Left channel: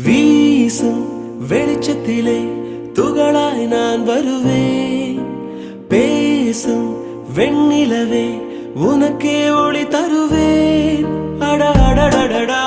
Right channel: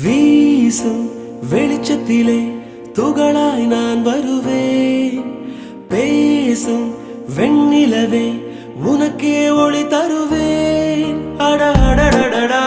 வீசும் வெளிச்சத்திலே துகளாய் நான் வருவேன். பேசும் வெண்ணிலவே உனக்கே ஒளி தருவேன். அட அடடடடா